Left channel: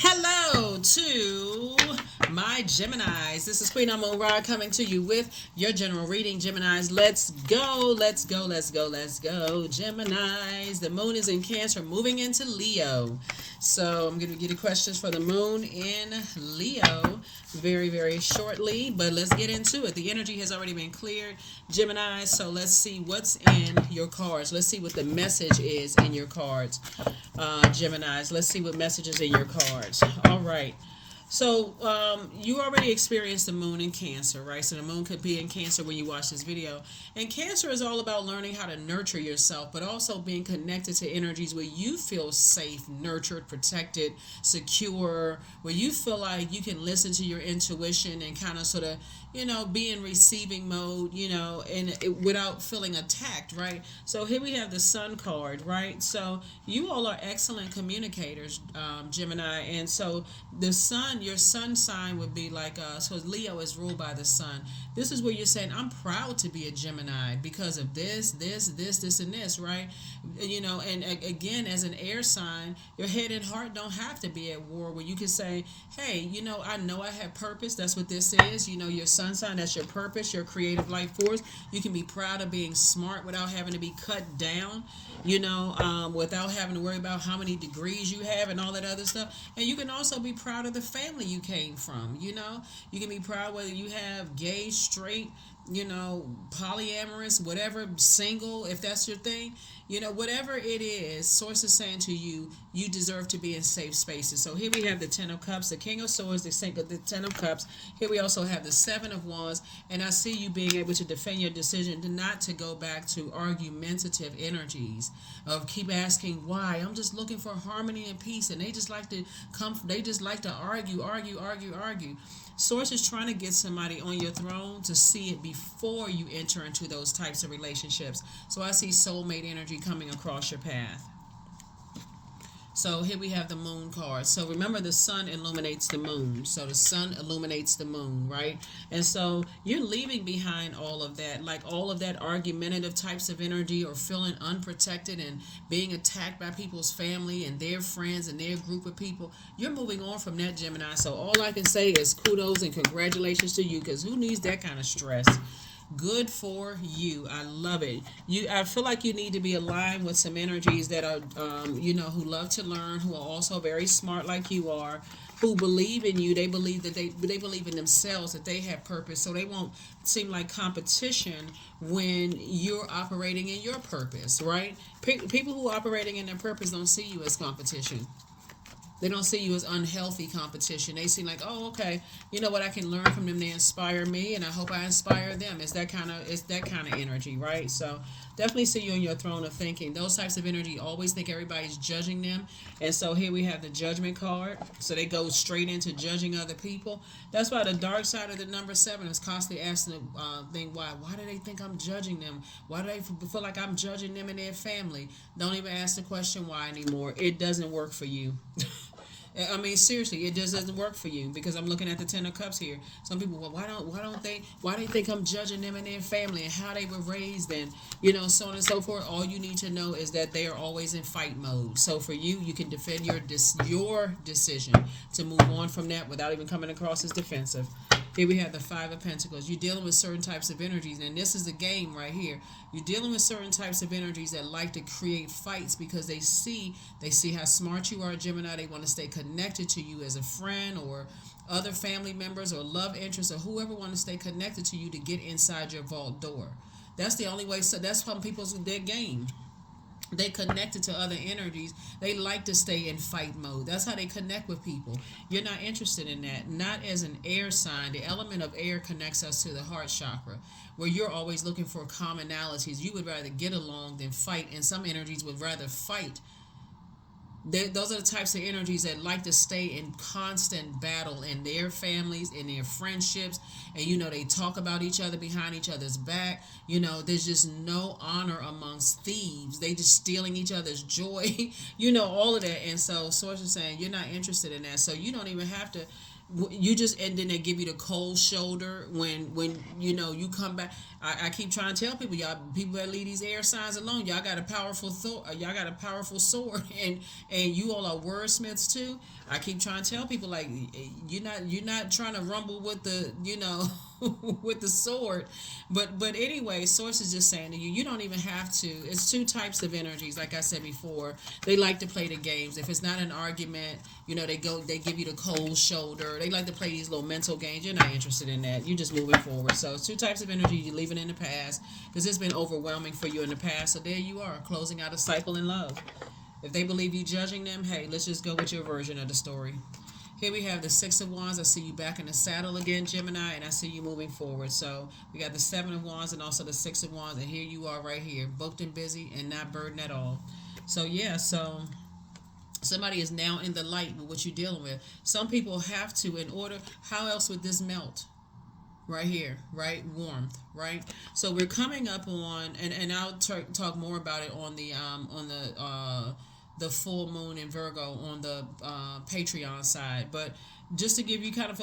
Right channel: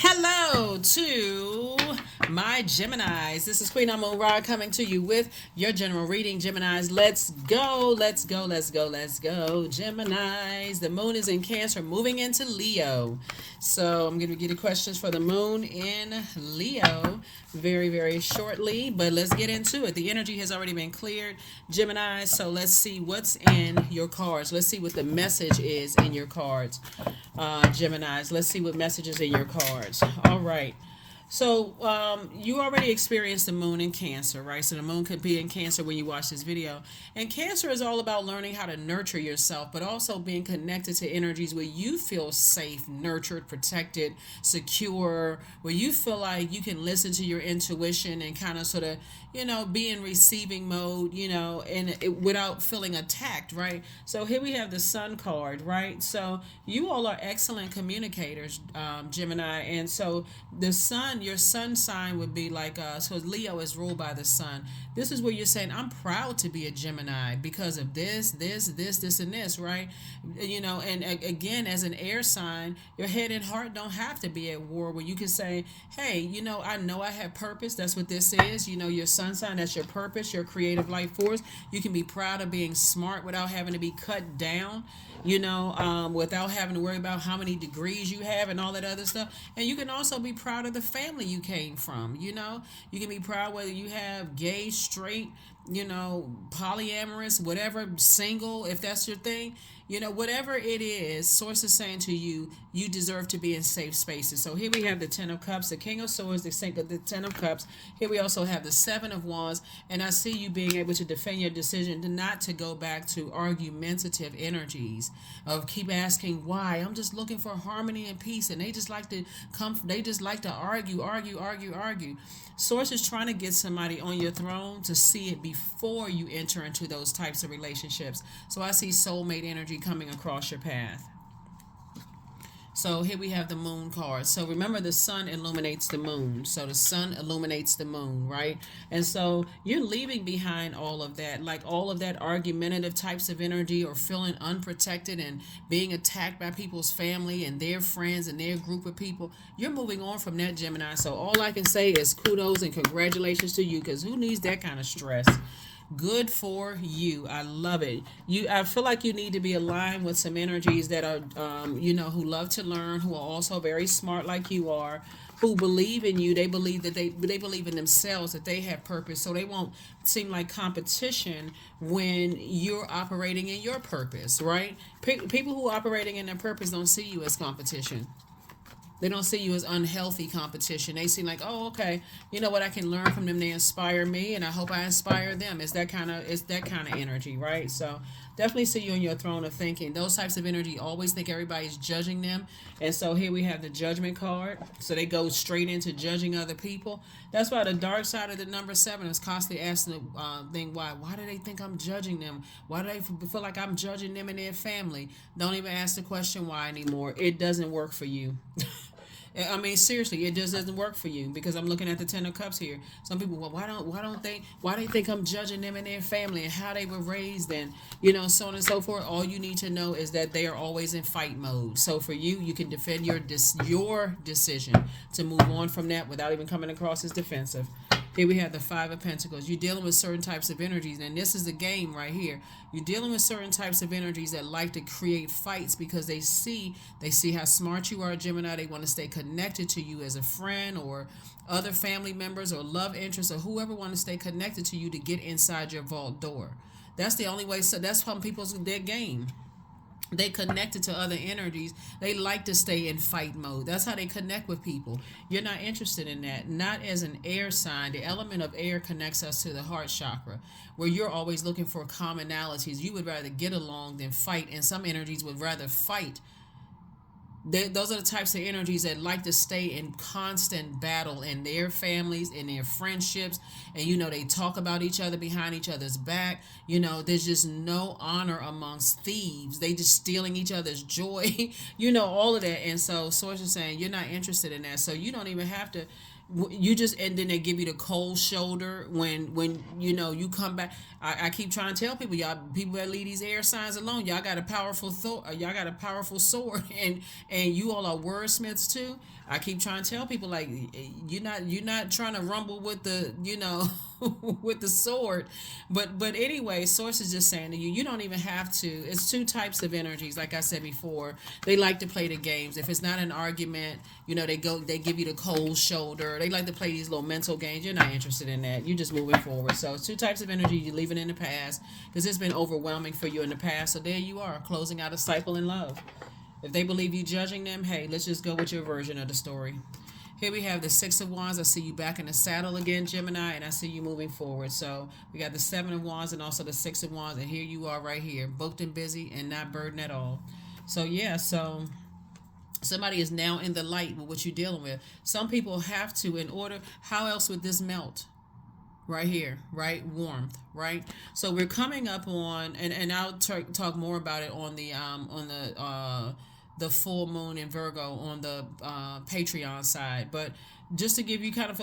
Hello to my Geminis. This is Queen Amun Ra coming to you with your general reading. Geminis, let's go, let's go, let's go, let's go. Geminis, the moon is in Cancer, moving into Leo. So I'm going to get the questions for the moon in Leo very, very shortly. But let's get into it. The energy has already been cleared, Geminis. So let's see what's in your cards. Let's see what the message is in your cards. Geminis. Let's see what messages in your cards. All right. So you already experienced the moon in Cancer, right? So the moon could be in Cancer when you watch this video. And Cancer is all about learning how to nurture yourself, but also being connected to energies where you feel safe, nurtured, protected, secure, where you feel like you can listen to your intuition and kind of sort of, be in receiving mode, without feeling attacked, right? So here we have the Sun card, right? So you all are excellent communicators, Gemini. And so the Sun, your Sun sign would be like, so Leo is ruled by the Sun. This is where you're saying, I'm proud to be a Gemini because of this, and this, right? And again, as an air sign, your head and heart don't have to be at war, where you can say, hey, I know I have purpose. That's what this is. Your sun sign, that's your purpose, your creative life force. You can be proud of being smart without having to be cut down, without having to worry about how many degrees you have and all that other stuff. And you can also be proud of the family you came from. You can be proud whether you have gay, straight, polyamorous, whatever, single, if that's your thing, whatever it is, Source is saying to you, you deserve to be in safe spaces. So here we have the Ten of Cups, the King of Swords, the Ten of Cups. Here we also have the Seven of Wands, and I see you being able to defend your decision to not to go back to argumentative energies of keep asking why. I'm just looking for harmony and peace, and they just like to argue. Source is trying to get somebody on your throne to see it before you enter into those types of relationships. So I see soulmate energy coming across your path. So here we have the moon card. So remember, the sun illuminates the moon. So the sun illuminates the moon, right? And so you're leaving behind all of that, like all of that argumentative types of energy, or feeling unprotected and being attacked by people's family and their friends and their group of people. You're moving on from that, Gemini. So all I can say is kudos and congratulations to you, because who needs that kind of stress? Good for you. I love it. I feel like you need to be aligned with some energies that are, who love to learn, who are also very smart like you are, who believe in you. They believe that they believe in themselves, that they have purpose, so they won't seem like competition when you're operating in your purpose, right? People who are operating in their purpose don't see you as competition. They don't see you as unhealthy competition. They see like, oh, okay, you know what? I can learn from them. They inspire me, and I hope I inspire them. It's that kind of energy, right? So definitely see you on your throne of thinking. Those types of energy always think everybody's judging them, and so here we have the Judgment card. So they go straight into judging other people. That's why the dark side of the number 7 is constantly asking the thing, why? Why do they think I'm judging them? Why do they feel like I'm judging them and their family? Don't even ask the question why anymore. It doesn't work for you. I mean, seriously, it just doesn't work for you, because I'm looking at the Ten of Cups here. Some people, well, why they think I'm judging them and their family and how they were raised, and so on and so forth. All you need to know is that they are always in fight mode. So for you, you can defend your decision to move on from that without even coming across as defensive. Here we have the Five of Pentacles. You're dealing with certain types of energies, and this is the game right here. You're dealing with certain types of energies that like to create fights because they see how smart you are, Gemini. They want to stay connected to you as a friend, or other family members, or love interests, or whoever want to stay connected to you to get inside your vault door. That's the only way. So that's some people's their game. They connected to other energies. They like to stay in fight mode. That's how they connect with people. You're not interested in that. Not as an air sign. The element of air connects us to the heart chakra, where you're always looking for commonalities. You would rather get along than fight, and some energies would rather fight. Those are the types of energies that like to stay in constant battle in their families, in their friendships, and they talk about each other behind each other's back. There's just no honor amongst thieves. They just stealing each other's joy, all of that. And so Source is saying you're not interested in that, so you don't even have to. You just, and then they give you the cold shoulder when you come back. I keep trying to tell people, y'all, people that leave these air signs alone, y'all got a powerful sword, and you all are wordsmiths too. I keep trying to tell people like you're not trying to rumble with the with the sword, but anyway, source is just saying to you, you don't even have to. It's two types of energies. Like I said before, they like to play the games. If it's not an argument, they give you the cold shoulder. They like to play these little mental games. You're not interested in that. You're just moving forward. So it's two types of energy. You're leaving in the past because it's been overwhelming for you in the past. So there you are, closing out a cycle in love. If they believe you judging them, hey, let's just go with your version of the story. Here we have the Six of Wands. I see you back in the saddle again, Gemini, and I see you moving forward. So we got the Seven of Wands and also the Six of Wands, and here you are right here, booked and busy and not burdened at all. So yeah, so somebody is now in the light with what you're dealing with. Some people have to, in order, how else would this melt? Right here, right? Warmth, right? So we're coming up on, and I'll talk more about it on the full moon in Virgo on the Patreon side. But just to give you kind of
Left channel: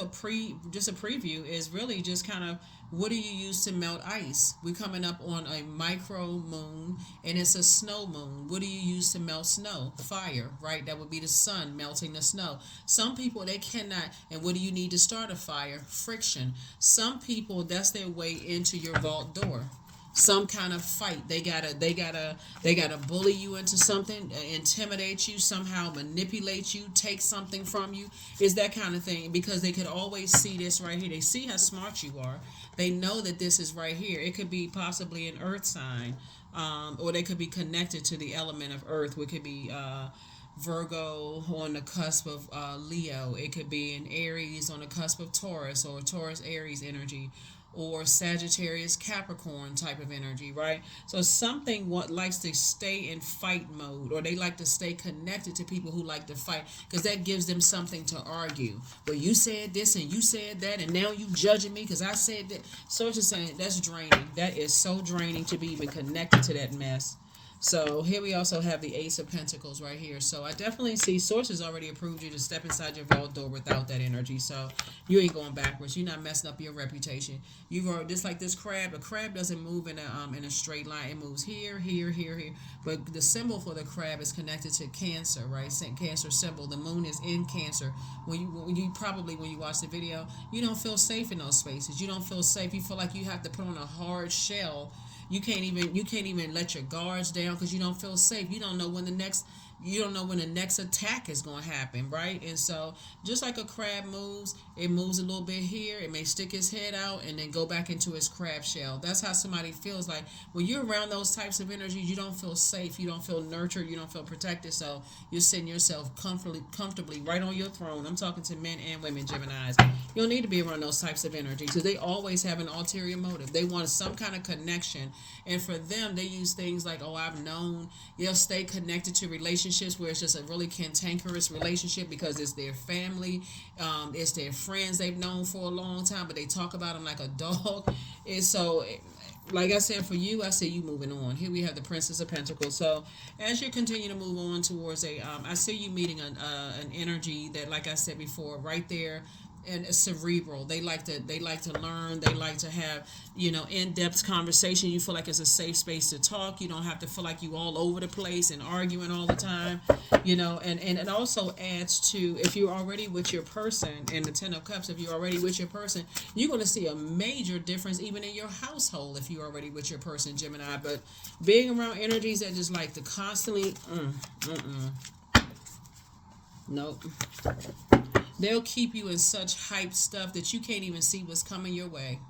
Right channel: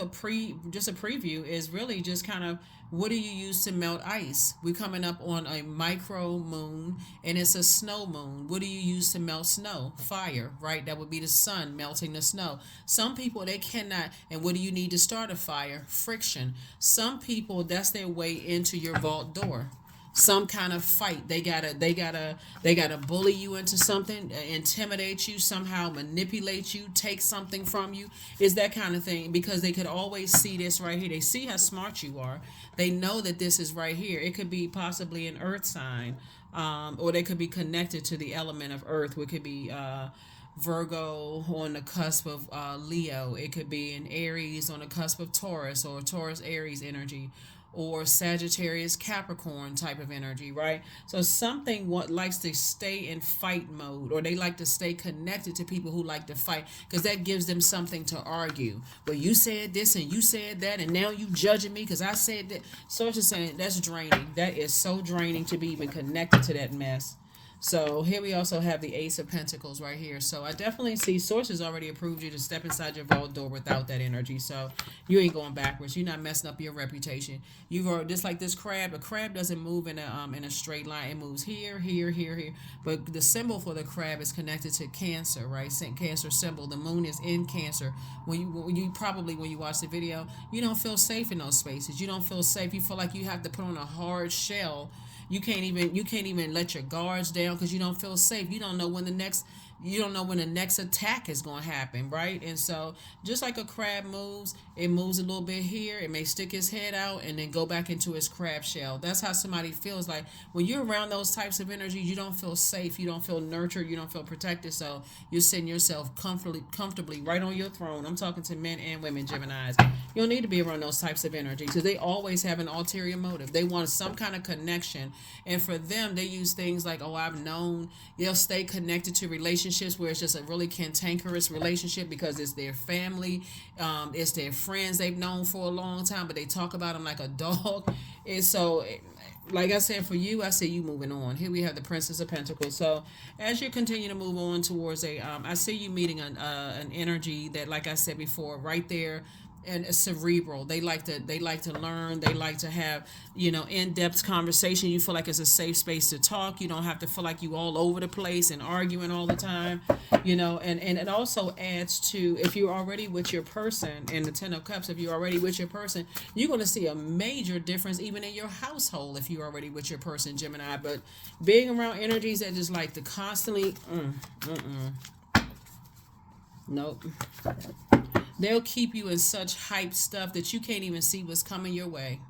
just a preview is really just kind of what do you use to melt ice? We're coming up on a micro moon and it's a snow moon. What do you use to melt snow? Fire, right? That would be the sun melting the snow. Some people they cannot. And what do you need to start a fire? Friction. Some people that's their way into your vault door, some kind of fight. They gotta bully you into something, intimidate you, somehow manipulate you, take something from you. Is that kind of thing, because they could always see this right here. They see how smart you are. They know that this is right here. It could be possibly an earth sign, or they could be connected to the element of earth, which could be Virgo on the cusp of Leo. It could be an Aries on the cusp of Taurus, or Taurus Aries energy, or Sagittarius Capricorn type of energy, right? So something what likes to stay in fight mode, or they like to stay connected to people who like to fight, because that gives them something to argue. But you said this and you said that, and now you judging me because I said that. So it's just saying that's draining. That is so draining to be even connected to that mess. So here we also have the Ace of Pentacles right here. So I definitely see sources already approved you to step inside your vault door without that energy. So you ain't going backwards. You're not messing up your reputation. You've already, just like this crab. A crab doesn't move in a straight line. It moves here, here, here, here. But the symbol for the crab is connected to Cancer, right? Cancer symbol. The moon is in Cancer. When you watch the video, you don't feel safe in those spaces. You don't feel safe. You feel like you have to put on a hard shell. You can't even let your guards down because you don't feel safe. You don't know when the next attack is going to happen, right? And so just like a crab moves, it moves a little bit here. It may stick its head out and then go back into its crab shell. That's how somebody feels like when you're around those types of energies. You don't feel safe. You don't feel nurtured. You don't feel protected. So you're sitting yourself comfortably right on your throne. I'm talking to men and women, Geminis. You don't need to be around those types of energies because they always have an ulterior motive. They want some kind of connection. And for them, they use things like, oh, I've known. They'll stay connected to relationships where it's just a really cantankerous relationship because it's their family, it's their friends they've known for a long time, but they talk about them like a dog. And so, like I said, for you, I see you moving on. Here we have the Princess of Pentacles. So as you continue to move on towards I see you meeting an energy that, like I said before, right there. And it's cerebral. They like to learn. They like to have, in-depth conversation. You feel like it's a safe space to talk. You don't have to feel like you all over the place and arguing all the time, and it also adds to, if you're already with your person in the Ten of Cups, if you're already with your person, you're going to see a major difference even in your household if you're already with your person, Gemini. But being around energies that just like to constantly, nope. They'll keep you in such hype stuff that you can't even see what's coming your way.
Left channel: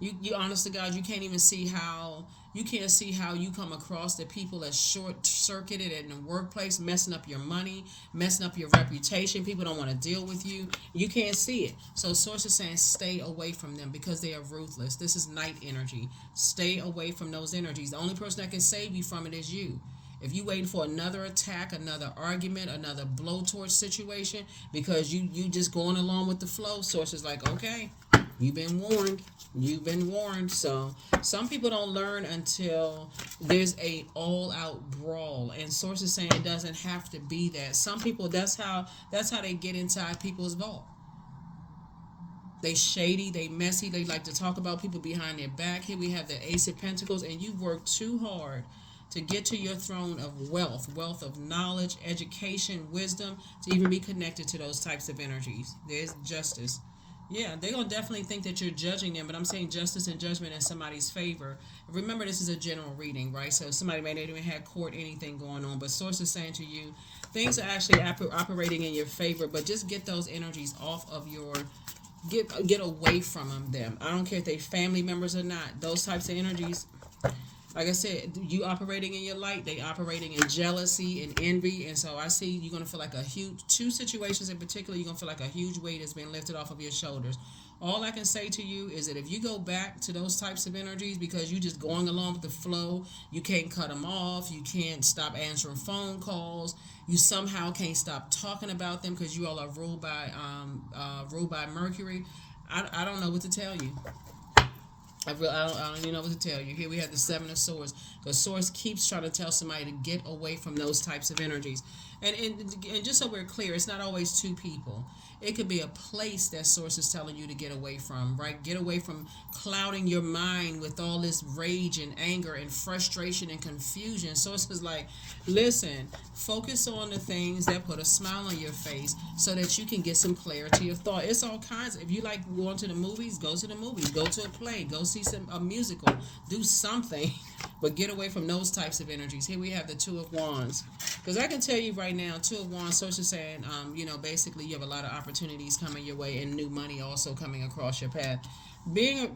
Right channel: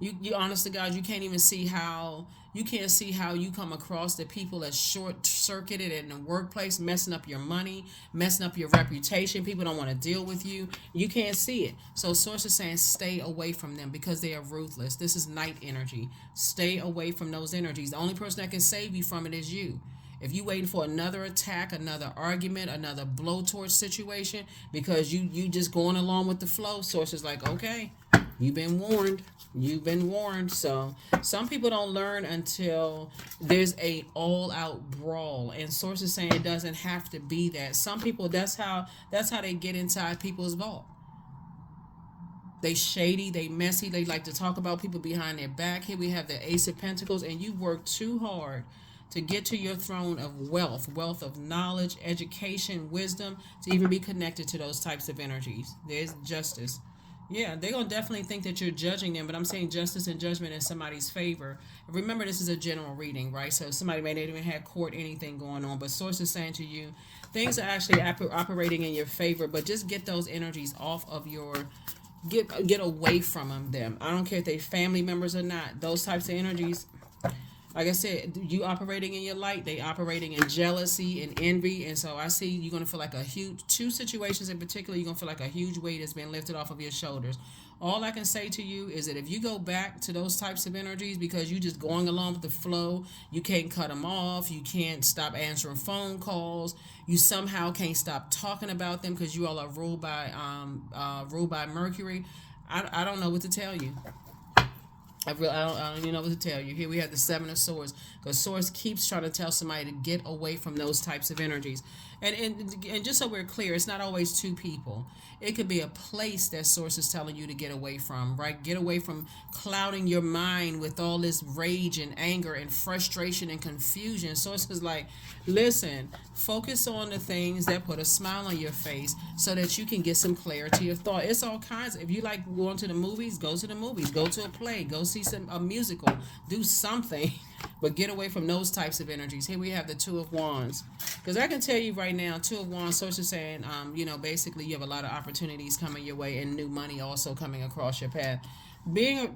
You honest to God, you can't even see how you come across the people that's short circuited in the workplace, messing up your money, messing up your reputation. People don't want to deal with you. You can't see it. So source is saying stay away from them because they are ruthless. This is night energy. Stay away from those energies. The only person that can save you from it is you. If you waiting for another attack, another argument, another blowtorch situation, because you just going along with the flow, source is like, okay, you've been warned. You've been warned. So some people don't learn until there's a all-out brawl, and source is saying it doesn't have to be that. Some people, that's how they get inside people's vault. They shady, they messy, they like to talk about people behind their back. Here we have the Ace of Pentacles, and you work too hard to get to your throne of wealth of knowledge, education, wisdom, to even be connected to those types of energies. There's justice. Yeah, they're going to definitely think that you're judging them, but I'm saying justice and judgment in somebody's favor. Remember, this is a general reading, right? So somebody may not even have court anything going on, but source is saying to you, things are actually operating in your favor, but just get those energies off of your, get away from them. I don't care if they family members or not. Those types of energies, like I said, you operating in your light, they operating in jealousy and envy, and so I see you're gonna feel like a huge, two situations in particular, you're gonna feel like a huge weight has been lifted off of your shoulders. All I can say to you is that if you go back to those types of energies because you just going along with the flow, you can't cut them off, you can't stop answering phone calls, you somehow can't stop talking about them because you all are ruled by Mercury. I don't know what to tell you. I don't even know what to tell you. Here we have the Seven of Swords. The Swords keeps trying to tell somebody to get away from those types of energies. And just so we're clear, it's not always two people. It could be a place that Source is telling you to get away from, right? Get away from clouding your mind with all this rage and anger and frustration and confusion. Source is like, listen, focus on the things that put a smile on your face so that you can get some clarity of thought. It's all kinds. If you like going to the movies, go to the movies. Go to a play. Go see a musical. Do something. But get away from those types of energies. Here we have the Two of Wands. Because I can tell you right now, Two of Wands, Source is saying, basically you have a lot of opportunities coming your way and new money also coming across your path. Being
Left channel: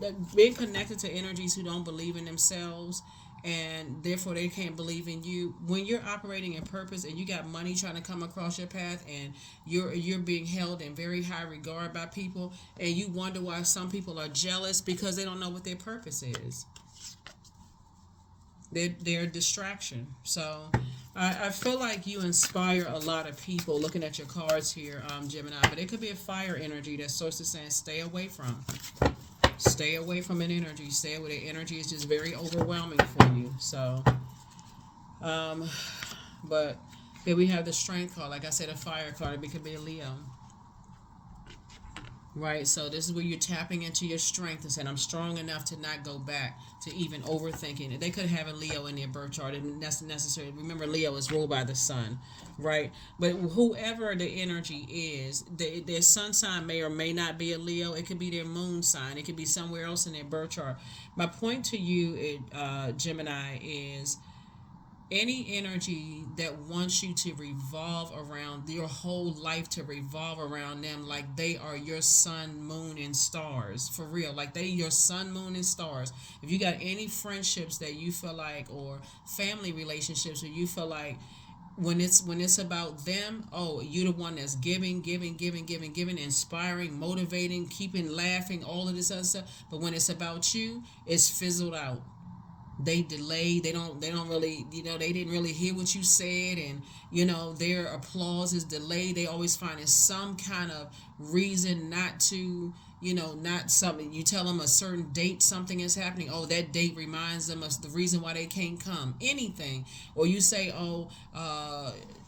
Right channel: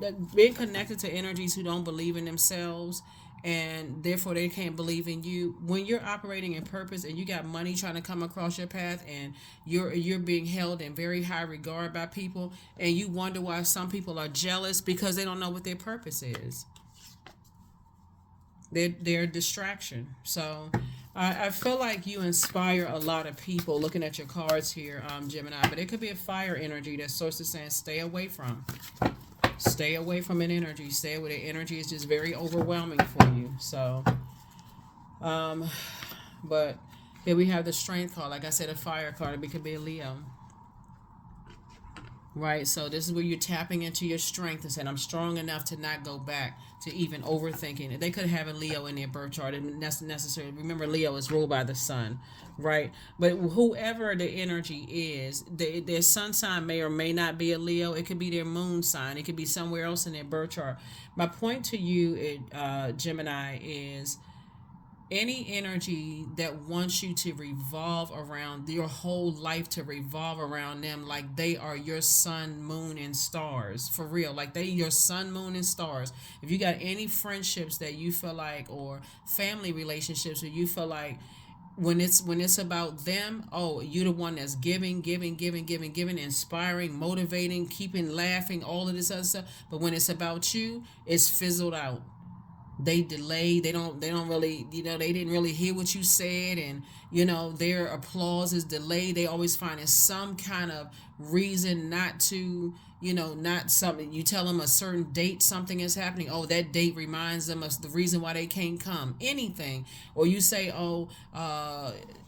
connected to energies who don't believe in themselves and therefore they can't believe in you. When you're operating in purpose and you got money trying to come across your path and you're being held in very high regard by people and you wonder why some people are jealous because they don't know what their purpose is. They're a distraction. So I feel like you inspire a lot of people looking at your cards here, Gemini, but it could be a fire energy that Source is saying stay away from. Stay away from an energy. Stay away. The energy is just very overwhelming for you. So, but here we have the Strength card. Like I said, a fire card. It could be a Leo. Right, so this is where you're tapping into your strength and saying, I'm strong enough to not go back to even overthinking it. They could have a Leo in their birth chart, and that's necessary. Remember, Leo is ruled by the sun, right? But whoever the energy is, their sun sign may or may not be a Leo. It could be their moon sign. It could be somewhere else in their birth chart. My point to you, Gemini, is any energy that wants you to revolve around your whole life, to revolve around them like they are your sun, moon, and stars, for real, like they your sun, moon, and stars. If you got any friendships that you feel like, or family relationships where you feel like when it's about them, oh, you're the one that's giving, inspiring, motivating, keeping laughing, all of this other stuff. But when it's about you, it's fizzled out. They delay. They don't really, they didn't really hear what you said, and their applause is delayed. They always find some kind of reason not to, not something. You tell them a certain date something is happening, oh, that date reminds them of the reason why they can't come, anything. Or you say, oh,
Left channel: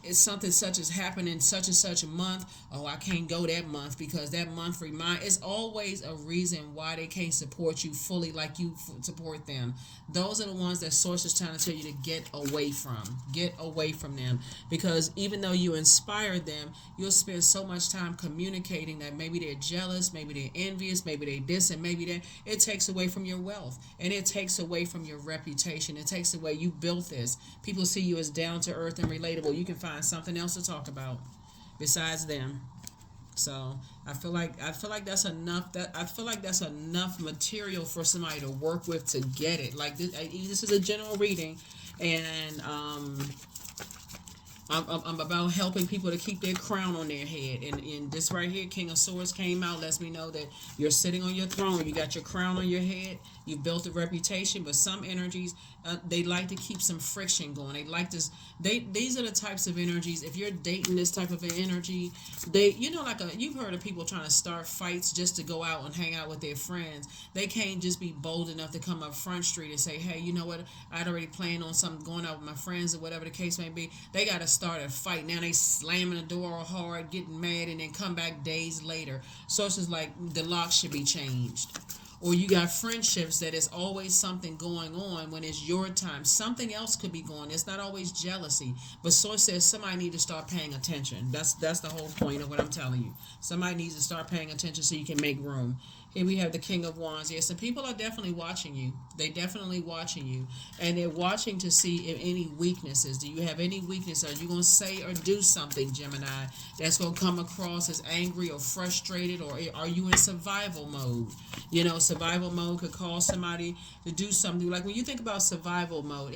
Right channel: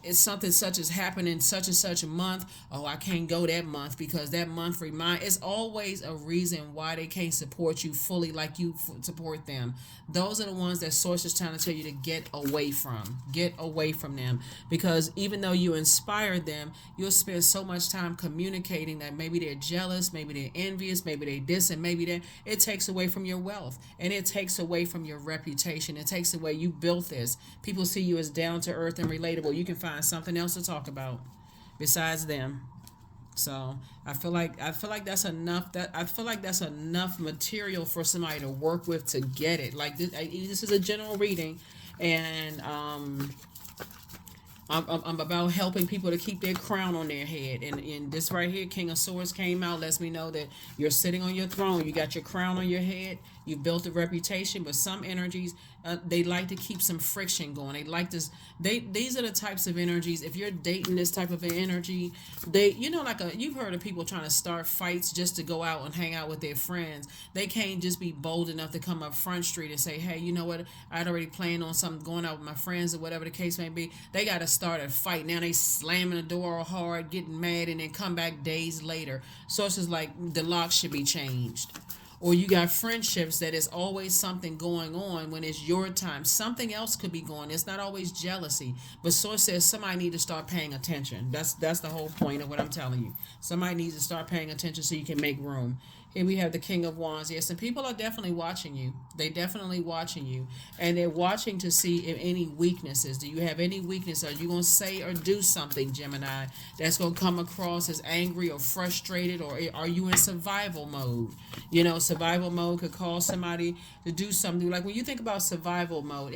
it's something such as happened in such and such a month, oh, I can't go that month because that month it's always a reason why they can't support you fully like you support them. Those are the ones that Source is trying to tell you to get away from them, because even though you inspire them, you'll spend so much time communicating that maybe they're jealous, maybe they're envious, maybe they this and maybe that. It takes away from your wealth, and it takes away from your reputation. It takes away, you built this. People see you as down to earth and relatable. You can find something else to talk about besides them. So I feel like that's enough. I feel like that's enough material for somebody to work with to get it. Like this is a general reading, and I'm about helping people to keep their crown on their head. And this right here, King of Swords came out, lets me know that you're sitting on your throne. You got your crown on your head. You've built a reputation, but some energies, they like to keep some friction going. They like this. These are the types of energies. If you're dating this type of an energy, you've heard of people trying to start fights just to go out and hang out with their friends. They can't just be bold enough to come up Front Street and say, hey, you know what? I'd already planned on something, going out with my friends or whatever the case may be. They got to start a fight. Now they slamming the door hard, getting mad, and then come back days later. So it's just like the lock should be changed. Or you got friendships that is always something going on when it's your time. Something else could be going. It's not always jealousy. But source says somebody need to start paying attention. That's the whole point of what I'm telling you. Somebody needs to start paying attention so you can make room. Here we have the King of Wands. Yes, and people are definitely watching you. They definitely watching you. And they're watching to see if any weaknesses. Do you have any weakness? Are you going to say or do something, Gemini, that's going to come across as angry or frustrated? Or are you in survival mode? You know, survival mode could cause somebody to do something. Like when you think about survival mode,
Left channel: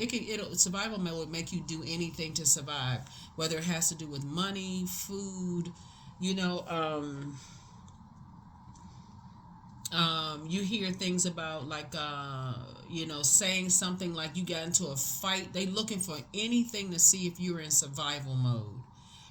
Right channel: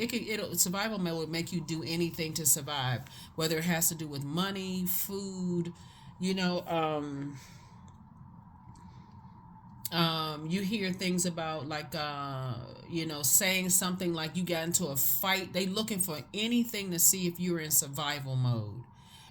survival mode would make you do anything to survive. Whether it has to do with money, food, you know, you hear things about like saying something like you got into a fight. They looking for anything to see if you're in survival mode,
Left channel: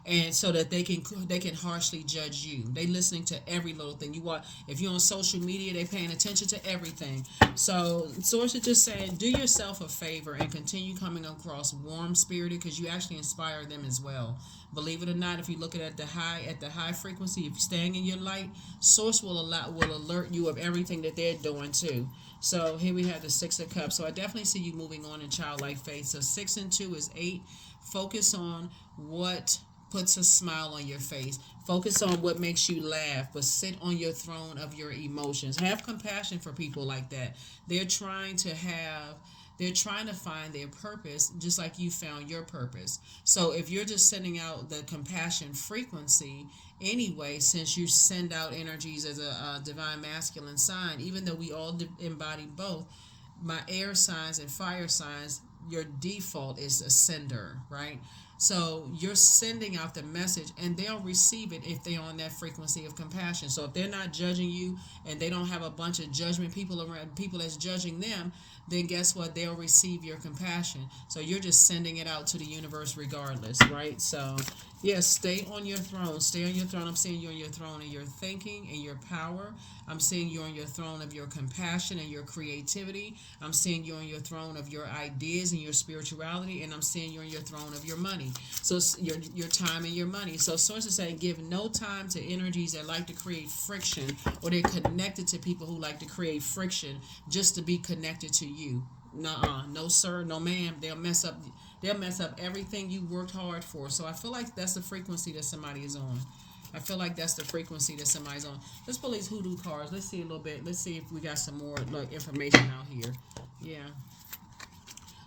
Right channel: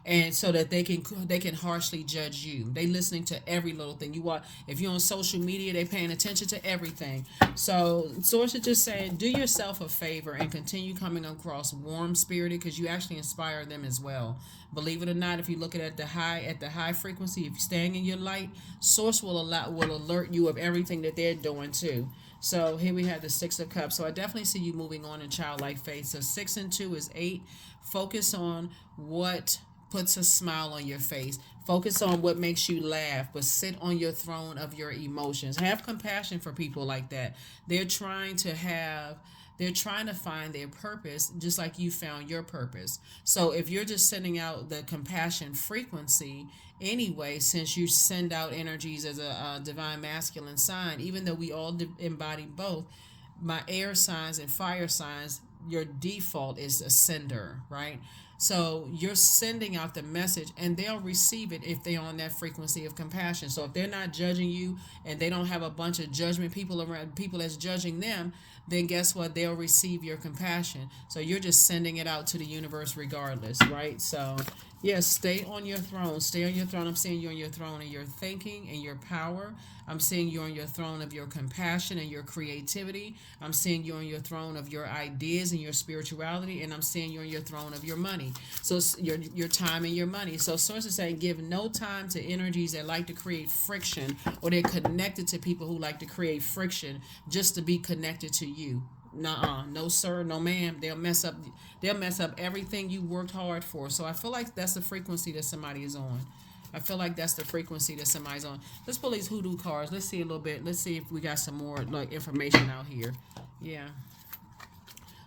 and so that they can harshly judge you. They listening to every little thing you want. If you're on social media, they paying attention to everything. So source is just saying, do yourself a favor and continue coming across warm spirited, because you actually inspire them as well. Believe it or not, if you look at the high frequency, if you're staying in your light, source will alert you of everything that they're doing too. So here we have the Six of Cups. So I definitely see you moving on in childlike faith. So 6 and 2 is 8. Focus on what puts a smile on your face. Focus on what makes you laugh, but sit on your throne of your emotions. Have compassion for people like that. They're trying to have they're trying to find their purpose just like you found your purpose. So if you're just sending out the compassion frequency anyway, since you send out energies as a divine masculine sign, even though we all embody both, my air signs and fire signs, your default is a sender, right? So you're sending out the message and they'll receive it if they're on that frequency of compassion. So if they're not judging you and they don't have a bunch of judgment people around, people that's judging them, then guess what? They'll receive your compassion. So you're just sending it out to the universe regardless, right? So yes, stay on your throne. Stay on your throne. I'm seeing you on your throne and your thinking and your power. I'm seeing you on your throne of your compassion and your creativity. I'm seeing you on your throne of your ideas and your spirituality. And I'm seeing you on your throne of your money. So it's your time and your money. So sources say give no time to energies that like to create friction, or they're connected to people who like to create friction just to be connected to you. Nuh-uh. No sir, no ma'am. They'll mess up everything you worked hard for. So I feel like that's the frequency that somebody is on. I feel like that's the frequency that somebody's on. Let's pull these hoodoo cards. Let's see a little bit. Let's see if we got some more like information out here. Yeah.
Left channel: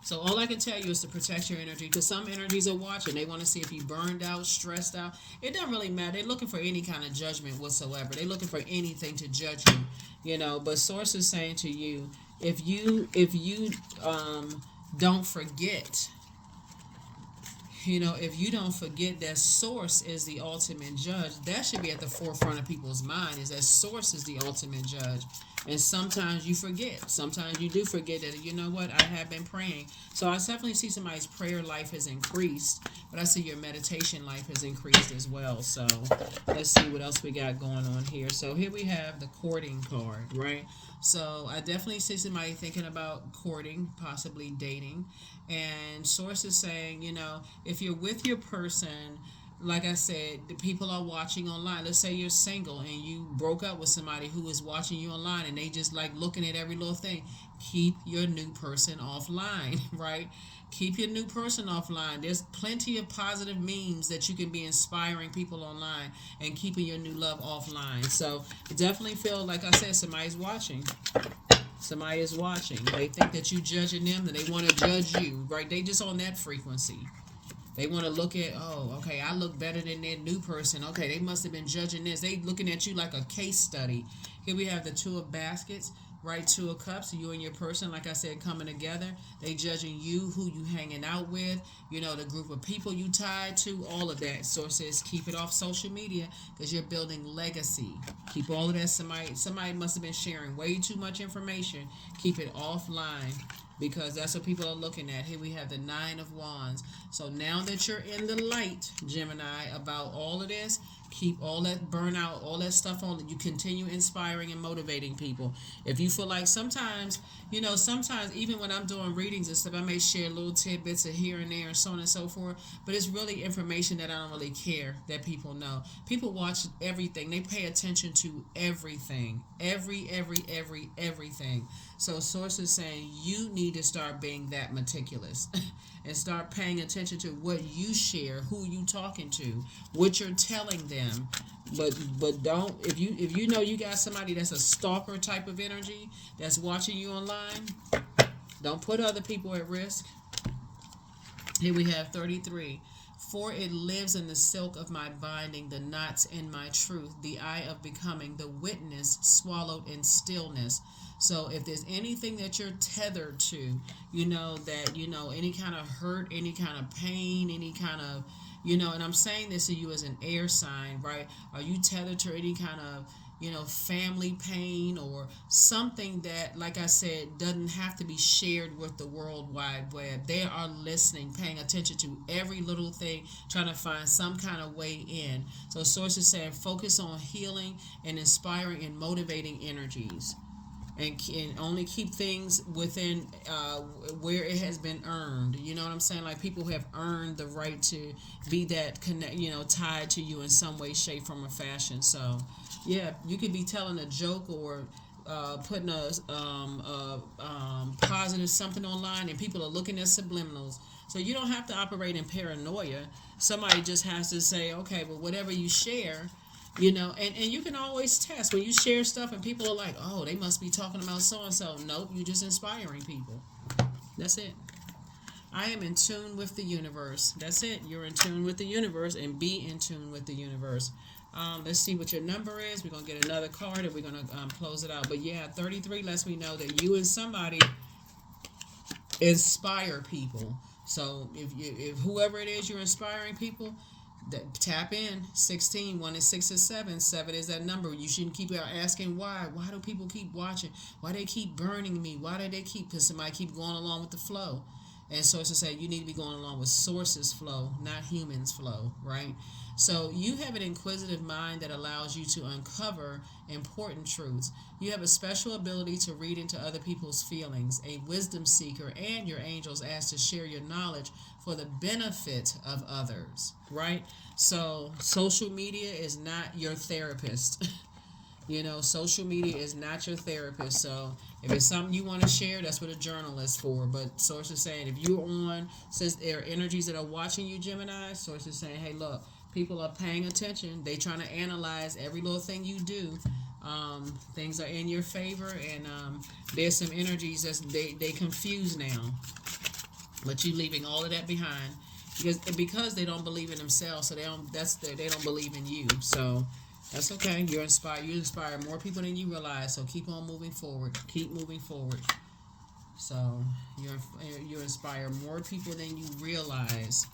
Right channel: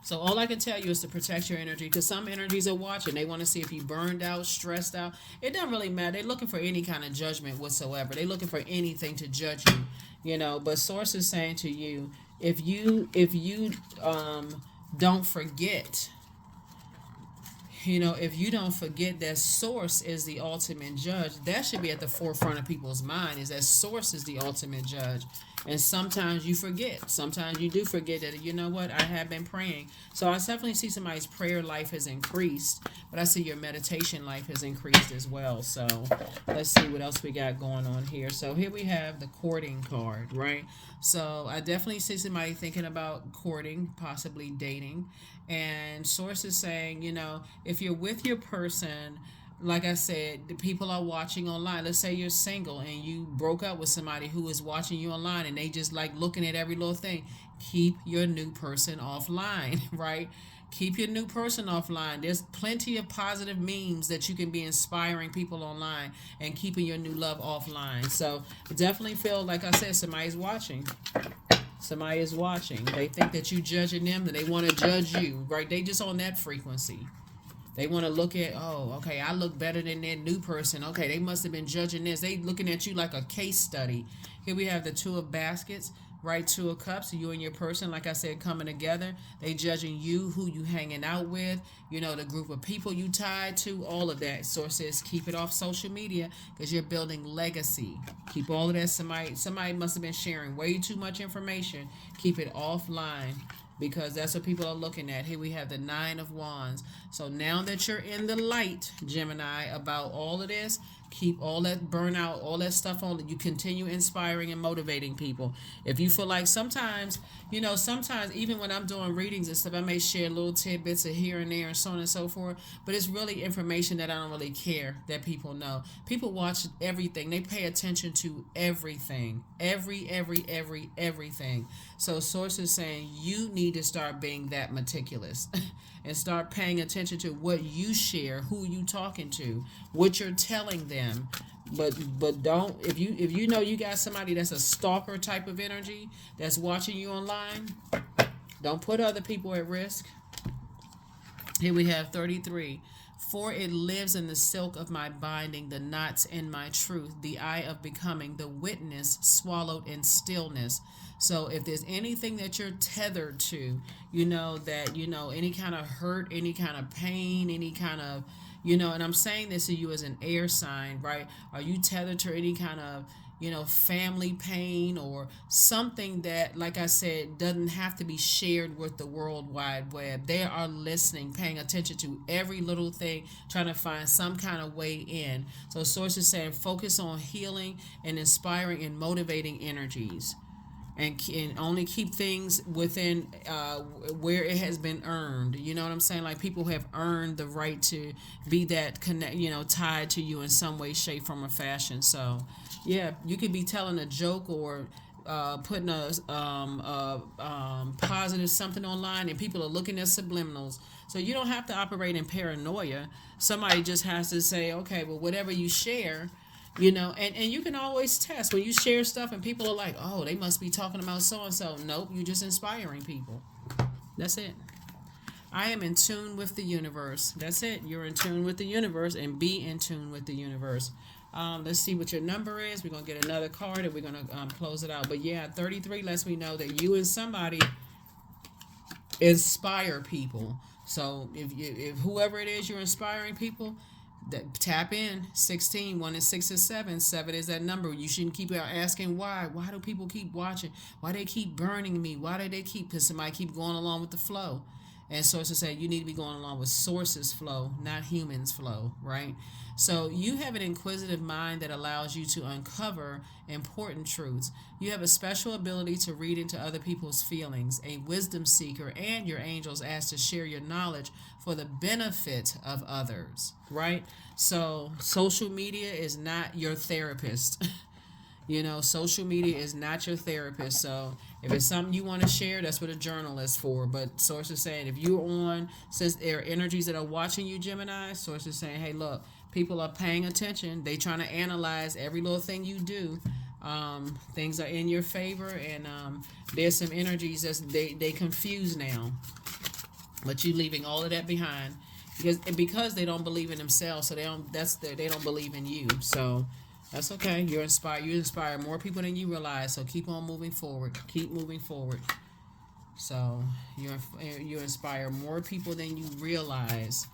So all I can tell you is to protect your energy, because some energies are watching. They want to see if you burned out, stressed out. It doesn't really matter. They're looking for any kind of judgment whatsoever. They're looking for anything to judge you, But source is saying to you, if you don't forget. If you don't forget that source is the ultimate judge, that should be at the forefront of people's mind, is that source is the ultimate judge. And sometimes you forget. Sometimes you do forget that, you know what, I have been praying. So I definitely see somebody's prayer life has increased, but I see your meditation life has increased as well. So let's see what else we got going on here. So here we have the courting card, right? So I definitely see somebody thinking about courting, possibly dating. And sources saying, if you're with your person, like I said, the people are watching online. Let's say you're single and you broke up with somebody who is watching you online and they just like looking at every little thing. Keep your new person offline, right? Keep your new person offline. There's plenty of positive memes that you can be inspiring people online and keeping your new love offline. So definitely feel, like I said, somebody's watching. Somebody is watching. They think that you judging them, and they want to judge you, right? They just on that frequency. They want to look at, oh, okay, I look better than that new person. Okay, they must have been judging this. They looking at you like a case study. Here we have the Two of Baskets, right? Two of Cups, you and your person, like I said, coming together. They judging you, who you hanging out with, the group of people you tied to, all of that. Sources, keep it off social media because you're building legacy. Keep all of that. Somebody must have been sharing way too much information. Keep it offline, because that's what people are looking at. Here we have the Nine of Wands. So now that you're in the light, Gemini, about all of this, Keep all that burnout, all that stuff on. You continue inspiring and motivating people. If you feel like sometimes, sometimes even when I'm doing readings and stuff, I may share little tidbits of here and there and so on and so forth. But it's really information that I don't really care that people know. People watch everything. They pay attention to everything. Everything. So source is saying you need to start being that meticulous. And start paying attention to what you share, who you talking to, what you're telling them. But don't, if you know you got somebody that's a stalker type of energy that's watching you online, don't put other people at risk. Here we have 33. For it lives in the silk of my binding, the knots in my truth, the eye of becoming, the witness swallowed in stillness. So if there's anything that you're tethered to, any kind of hurt, any kind of pain, any kind of, and I'm saying this to you as an air sign, right? Are you tethered to any kind of, family pain or something that, like I said, doesn't have to be shared with the World Wide Web? They are listening, paying attention to every little thing, trying to find some kind of way in. So Source is saying focus on healing and inspiring and motivating energies. And only keep things within where it has been earned. You know what I'm saying? Like people have earned the right to be that tied to you in some way, shape, form, or fashion. So, yeah, you could be telling a joke or putting a positive something online, and people are looking at subliminals. So you don't have to operate in paranoia. Somebody just has to say, okay, but whatever you share. And you can always test when you share stuff and people are like, oh, they must be talking about so and so. Nope, you're just inspiring people. That's it. I am in tune with the universe. That's it. You're in tune with the universe, and be in tune with the universe. Let's see what your number is. We're going to get another card and we're going to close it out. But yeah, 33 lets me know that you and somebody inspire people. So if whoever it is you're inspiring people, tap in. 16, 1 is 6 is 7. 7 is that number. You shouldn't keep asking why do people keep watching, why they keep burning me, why do they keep, because somebody keep going along with the flow. And sources say you need to be going along with sources flow, not humans flow, right? So you have an inquisitive mind that allows you to uncover important truths. You have a special ability to read into other people's feelings, a wisdom seeker, and your angels ask to share your knowledge for the benefit of others, right? So social media is not your therapist. Social media is not your therapist. So if it's something you want to share, that's what a journal is for. But source is saying if you're on, since there are energies that are watching you, Gemini, source is saying, hey, look, people are paying attention. They trying to analyze every little thing you do. Things are in your favor, and there's some energies that they confused now. But you leaving all of that behind because they don't believe in themselves, so they don't believe in you. So that's okay. You inspire more people than you realize. So keep on moving forward. Keep moving forward. So you inspire more people than you realize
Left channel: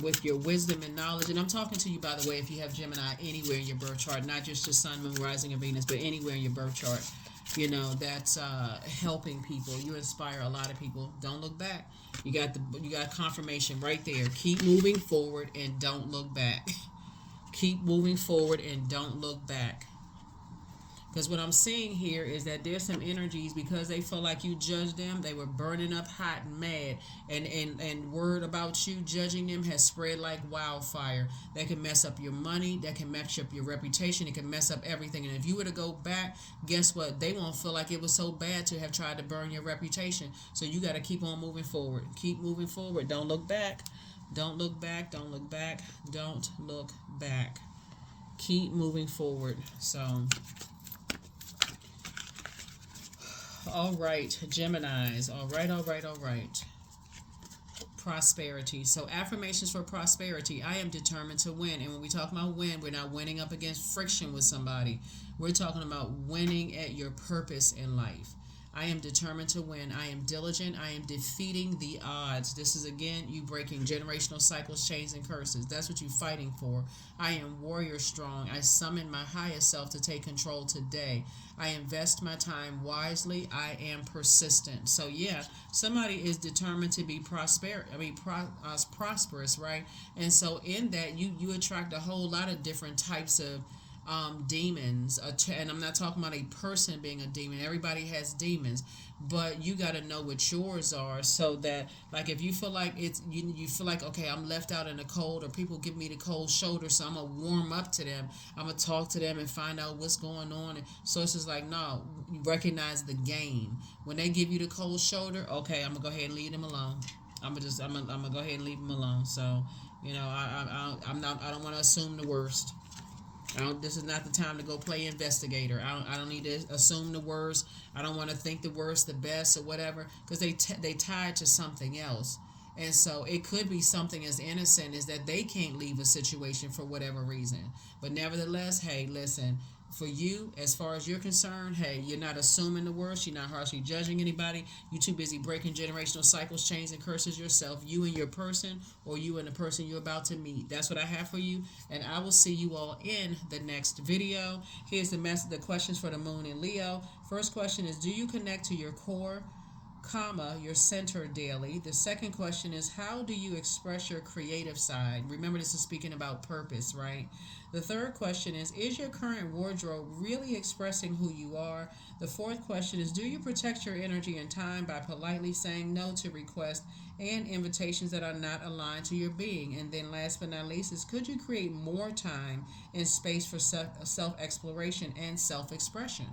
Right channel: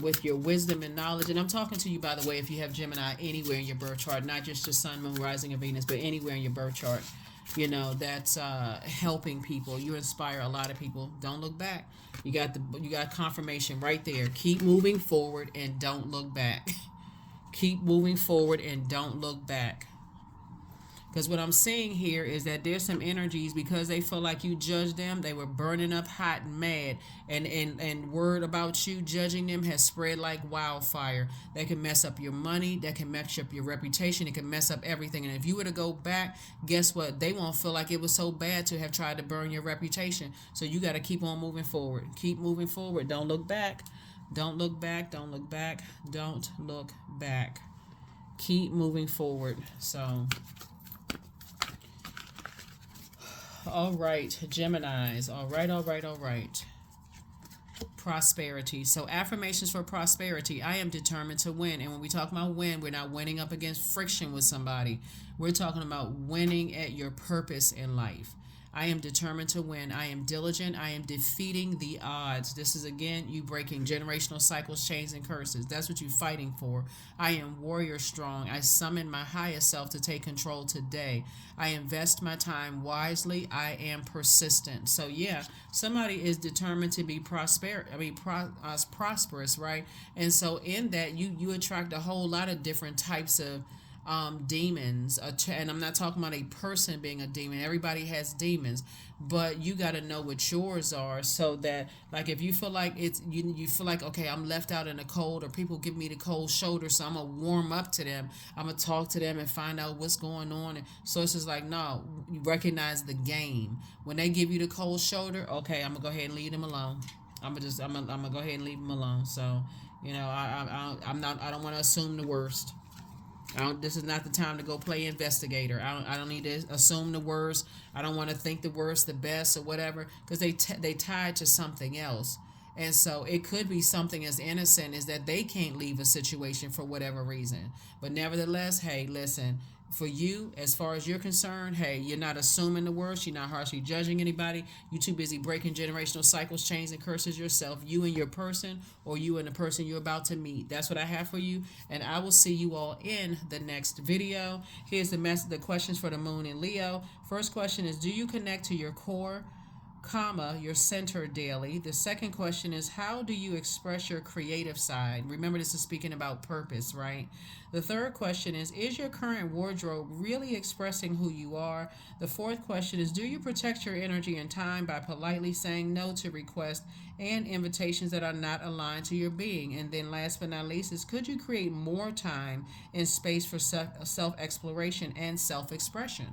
with your wisdom and knowledge. And I'm talking to you, by the way, if you have Gemini anywhere in your birth chart, not just your Sun, Moon, Rising, and Venus, but anywhere in your birth chart. That's helping people. You inspire a lot of people. Don't look back. You got confirmation right there. Keep moving forward and don't look back. Keep moving forward and don't look back. Because what I'm saying here is that there's some energies, because they feel like you judge them, they were burning up hot and mad, and word about you judging them has spread like wildfire. That can mess up your money, that can mess up your reputation, it can mess up everything. And if you were to go back, guess what? They won't feel like it was so bad to have tried to burn your reputation. So you got to keep on moving forward. Keep moving forward. Don't look back. Don't look back. Don't look back. Don't look back. Keep moving forward. So all right, Geminis. All right. Prosperity. So affirmations for prosperity. I am determined to win. And when we talk about win, we're not winning up against friction with somebody. We're talking about winning at your purpose in life. I am determined to win. I am diligent. I am defeating the odds. This is again you breaking generational cycles, chains, and curses. That's what you're fighting for. I am warrior strong. I summon my highest self to take control today. I invest my time wisely. I am persistent. So yeah, somebody is determined to be prosperous, right? And so in that, you attract a whole lot of different types of demons. And I'm not talking about a person being a demon. Everybody has demons, but you got to know what yours are, so that like if you feel like you feel like, okay, I'm left out in the cold, or people give me the cold shoulder, so I'm gonna warm up to them. I'm gonna talk to them and find out what's going on. And so it's just like, no, you recognize the game. When they give you the cold shoulder, okay, I'm gonna go ahead and leave them alone. I'm gonna go ahead and leave them alone. So I don't want to assume the worst. This is not the time to go play investigator. I don't need to assume the worst. I don't want to think the worst, the best, or whatever, because they tied to something else. And so it could be something as innocent as that they can't leave a situation for whatever reason. But nevertheless, hey, listen, for you, as far as you're concerned, hey, you're not assuming the worst. You're not harshly judging anybody. You're too busy breaking generational cycles, chains, and curses yourself, you and your person, or you and the person you're about to meet. That's what I have for you, and I will see you all in the next video. Here's the questions for the moon in Leo. First question is, do you connect to your core, your center daily? The second question is, how do you express your creative side? Remember, this is speaking about purpose, right? The third question is your current wardrobe really expressing who you are? The fourth question is, do you protect your energy and time by politely saying no to requests and invitations that are not aligned to your being? And then last but not least is, could you create more time and space for self-exploration and self-expression?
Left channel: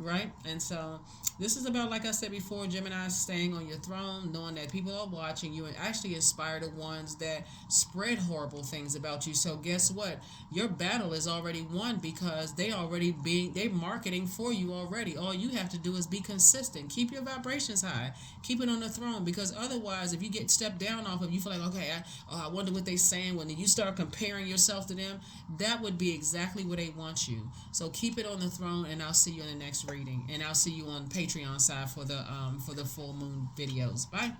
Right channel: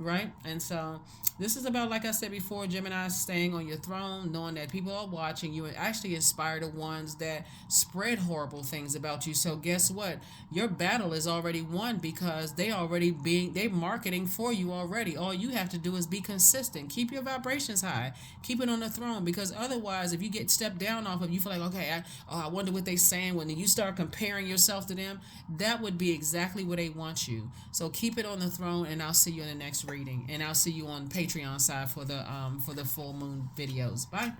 Right? And so this is about, like I said before, Gemini, staying on your throne, knowing that people are watching you, and actually inspire the ones that spread horrible things about you. So guess what? Your battle is already won, because they're marketing for you already. All you have to do is be consistent. Keep your vibrations high. Keep it on the throne, because otherwise, if you get stepped down off of, you feel like, okay, I wonder what they're saying. When you start comparing yourself to them, that would be exactly where they want you. So keep it on the throne, and I'll see you in the next reading, and I'll see you on Patreon side for the full moon videos. Bye.